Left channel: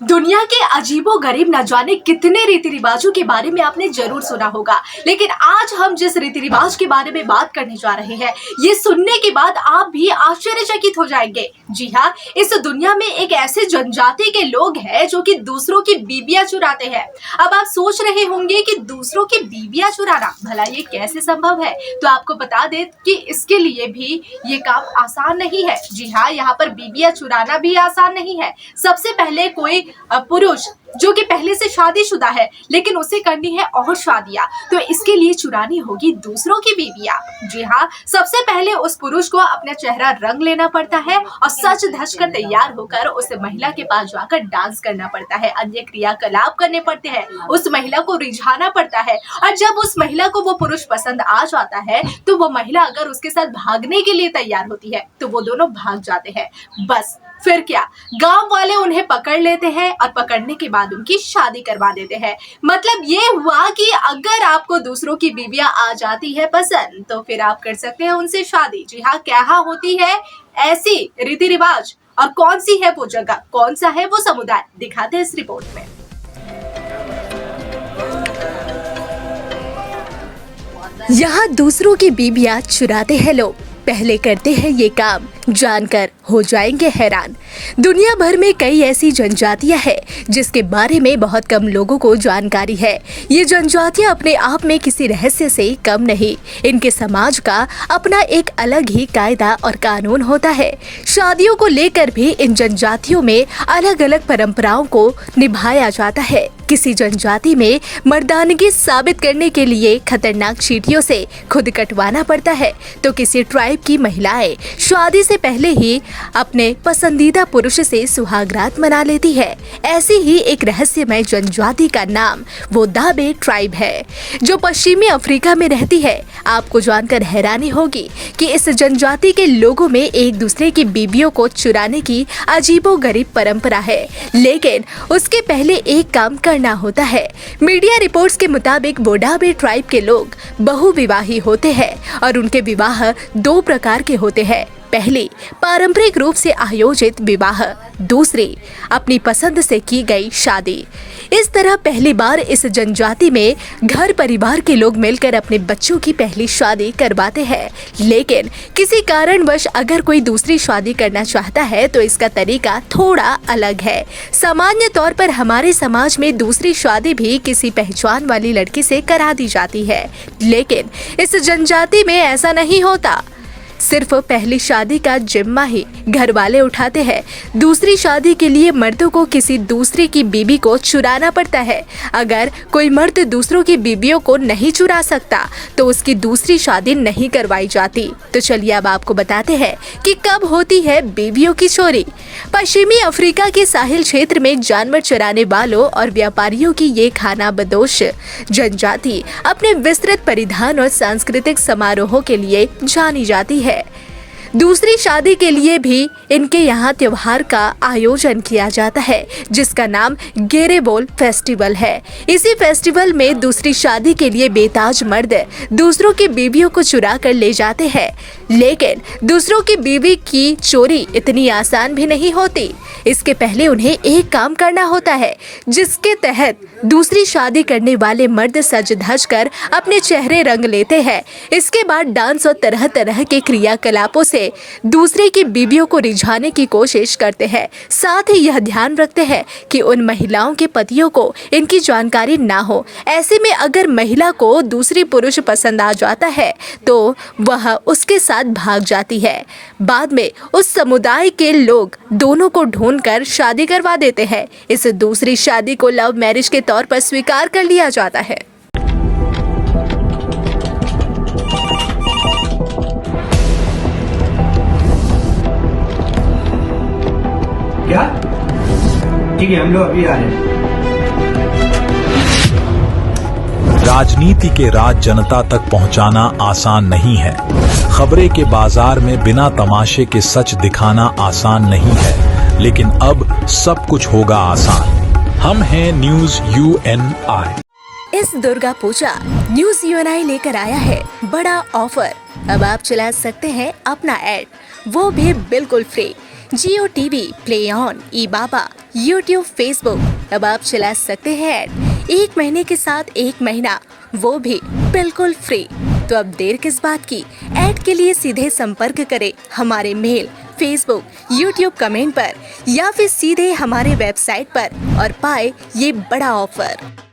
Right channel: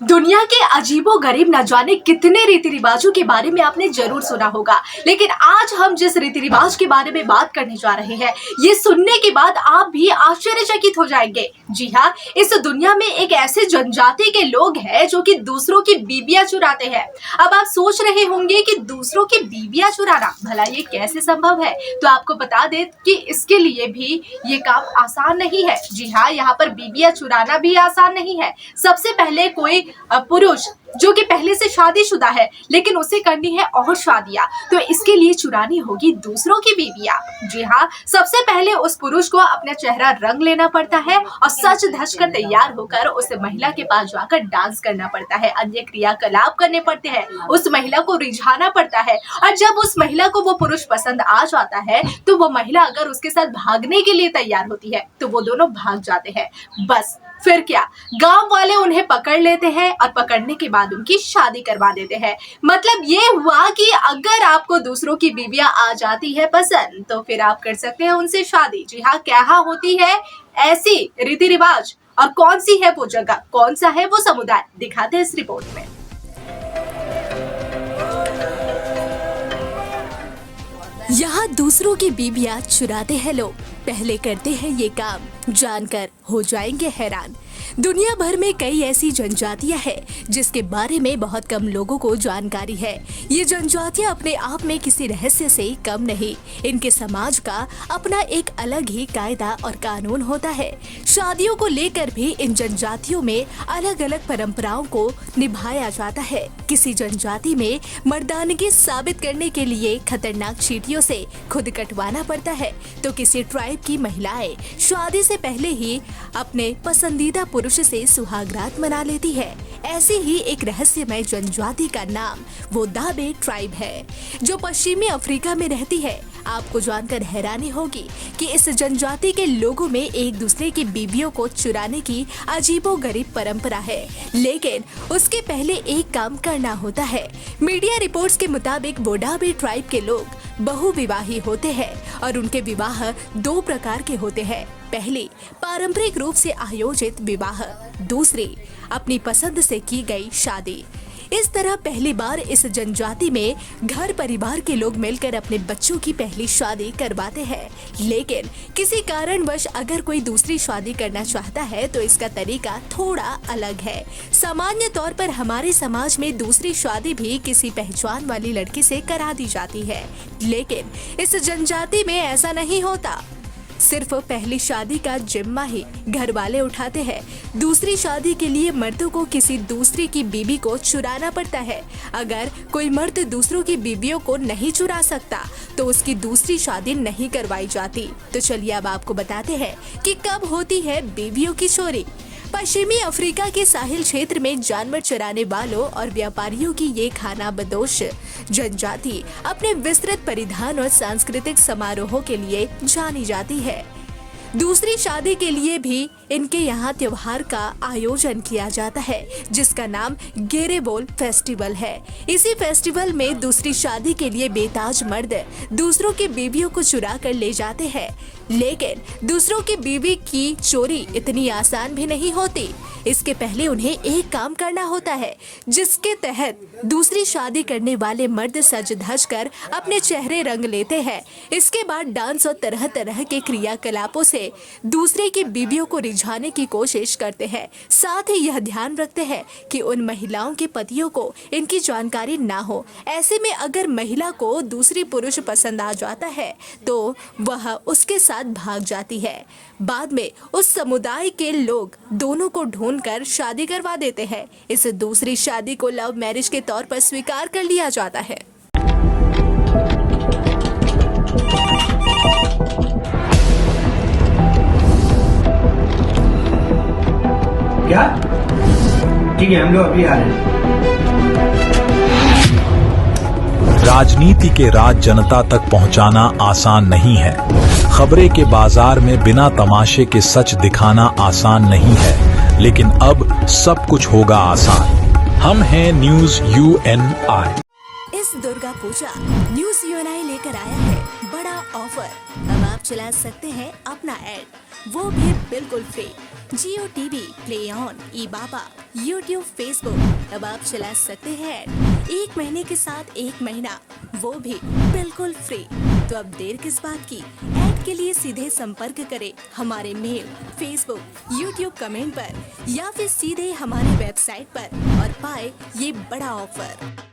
दुनिया के अजीबो-गरीब न जाने कितने रीति रिवाजों के बारे में आपने जरूर सुना होगा, लेकिन आज हम जिस रीति रिवाज के बारे में बात करने जा रहे हैं, ये सुनने के बाद आप भी आश्चर्यचकित हो जाएंगे। जी हाँ, इस दुनिया में एक ऐसे जनजाति के लोग हैं जो कि दूसरों की बीबियां चुराते हैं। अब आप सोच रहे होंगे कि दूसरों की बीबियां चुराना भला ये कैसे संभव है, तो आपको बता दें कि इसके लिए भी ये काम आसान नहीं है। जी हाँ, यहाँ पर बीबियां चुराना भी आसान नहीं है। सबसे पहले कोई पुरुष जो कि पहले से शादीशुदा है लेकिन उसे करनी है और शादियां, तो इसके लिए चुरानी होगी दूसरों की बीवियां। जी हाँ, सबसे पहले उस पुरुष को अपना चेहरा रंग लेना पड़ता है और सच धज कर तैयार होकर उस महिला के पास जाकर डांस करना पड़ता है, अन्य क्रियाकलाप करने पड़ते हैं, उस महिला को रिझाना पड़ता है। और जब उस महिला को वो पुरुष पसंद आ जाता है तो वो महिला अगर उसके साथ भागने के लिए तैयार होती है तो वो दोनों भाग जाते हैं। बस फिर क्या, गांव वाले उन्हें पकड़ लेते हैं और पकड़ने के बाद उनकी शादी करवा देते हैं। मतलब ये हुआ कि अगर आपको दूसरों की बीवियां आ जाती है पसंद तो फिर आप कर सकते हैं उनसे शादी। जी हाँ, क्या होती है ऐसी रीति रिवाज और कौन सी है वो जगह, कौन सा है वो समुदाय, दिखाते हैं इस रिपोर्ट में। यहाँ दूसरों की बीबियां चुराते हैं लोग। पहले करते हैं ये काम, जानकर हो जाएंगे हैरान। दुनिया भर में कई ऐसी जनजातियां हैं जिसके बारे में बहुत कम लोगों को जानकारी है। ये जनजातियां अपने आप में किसी रहस्य से कम नहीं। इनके समाज का अपना एक अलग ही कायदा और कानून होता है। शादियों को लेकर भी इन जनजातियों में अलग अलग परंपराओं को निभाया जाता है। किसी जनजाति में मर्दानगी साबित करने के लिए खतरनाक चींटियों से खुद कटवाना पड़ता है, तो किसी ट्राइब की महिलाएं शादी से पहले ही अपने पसंदीदा पुरुष से सुहागरात मना लेती है। ऐसी ही एक रहस्यमय जनजाति का नाम वो दाबे ट्राइब है, जो पश्चिमी अफ्रीका में रहती है। आपको जानकर हैरानी होगी कि इस जनजाति के लोगों में एक दूसरे की बीबियों को चुराने की अजीबोगरीब परंपरा है, लेकिन उसके पहले एक काम करना होता है। मीडिया रिपोर्ट्स के मुताबिक बोडाबे ट्राइब के लोग बहुविवाही होते हैं और उनके विवाह दो प्रकार के होते हैं। पहली, पारंपरिक रूप से आयोजित विवाह, दूसरी, अपनी पसंद से की गई शादी। इस तरह पहली बार इस जनजाति में घर परिवार के लोग मिलकर अपने बच्चों की पहली शादी करवाते हैं, लेकिन किसी कारणवश अगर कोई दूसरी शादी करना चाहता है तो इसका तरीका थोड़ा अलग है। सामान्य तौर पर हमारे समाज में दूसरी शादी भी किसी पहचान वाली लड़की से करा दी जाती है, लेकिन इस जनजाति में ऐसा नहीं होता। सिर्फ पहली शादी का जिम्मा ही घर वाले उठाते हैं। दूसरी शादी के लिए मर्दों को किसी दूसरे की बीबी को चुराना पड़ता है। अगर कोई मर्द दूसरों की बीबियों को नहीं चुरा सकता तो उसकी दूसरी शादी नहीं करवाई जाती। तो चलिए अब आपको बताते हैं कि कब होती है बीबियों की चोरी। पश्चिमी अफ्रीका के साहिल क्षेत्र में जानवर चराने वालों और व्यापारियों की ये खानाबदोश जनजाति अपने विस्तृत परिधान और सांस्कृतिक समारोहों के लिए जानी जाती है। दूसरी शादी के लिए भी इनके यहाँ त्योहार का आयोजन किया जाता है, जिसका नाम गेरेबोल फेस्टिवल है। इसी फेस्टिवल में दूसरी शादी के लिए बेताज मर्द दूसरों की बीवियों को चुरा कर ले जाते हैं, लेकिन दूसरों की बीवी की चोरी इतनी आसान भी नहीं होती। इसके पहले उन्हें एक काम करना होता है, जिसके तहत दूसरी शादी करने वाले मर्द सज धज कर अपने चेहरे रंग लेते हैं। इसके बाद डांस और तरह तरह के क्रियाकलापों से दूसरे की बीबियों को रिझाने की कोशिश करते हैं। साथ ही यह ध्यान रखते हैं कि उन महिलाओं के पतियों को इनकी जानकारी ना हो। ऐसे में अगर महिला को दूसरी पुरुष पसंद आ जाता है तो वह उसके साथ भाग जाती है। बाद में उस समुदाय के लोग दोनों को ढूंढकर शादी करवा देते हैं। इस दूसरी शादी को लव मैरिज के तौर पर स्वीकार कर लिया जाता है। क्या? ठीक है, हम लोग अभी आ रहे हैं। राजनीति के राज जनता तक पहुंचाना आसान नहीं है। खबरें के बाजार में बिना तमाशे के सच दिखाना आसान नहीं है, लेकिन अब सब कुछ होगा आसान। हम हैं न्यूज़ UNI। इस दुर्गा पूजा न्यूज़ UNI लेकर आया है बड़ा ऑफर। अब आप चला सकते हैं अपना ऐड, वो भी बिल्कुल free. Jio TV, play on, E Baba, YouTube, Facebook अब आप चला सकते हैं ऐड 1 महीने के साथ 1 महीना, वो भी बिल्कुल फ्री। तो अब देर किस बात की, ऐड के लिए सीधे संपर्क करें हमारे मेल, फेसबुक, यूट्यूब कमेंट पर या फिर सीधे हमारे वेबसाइट पर और पाए ये बड़ा ऑफर।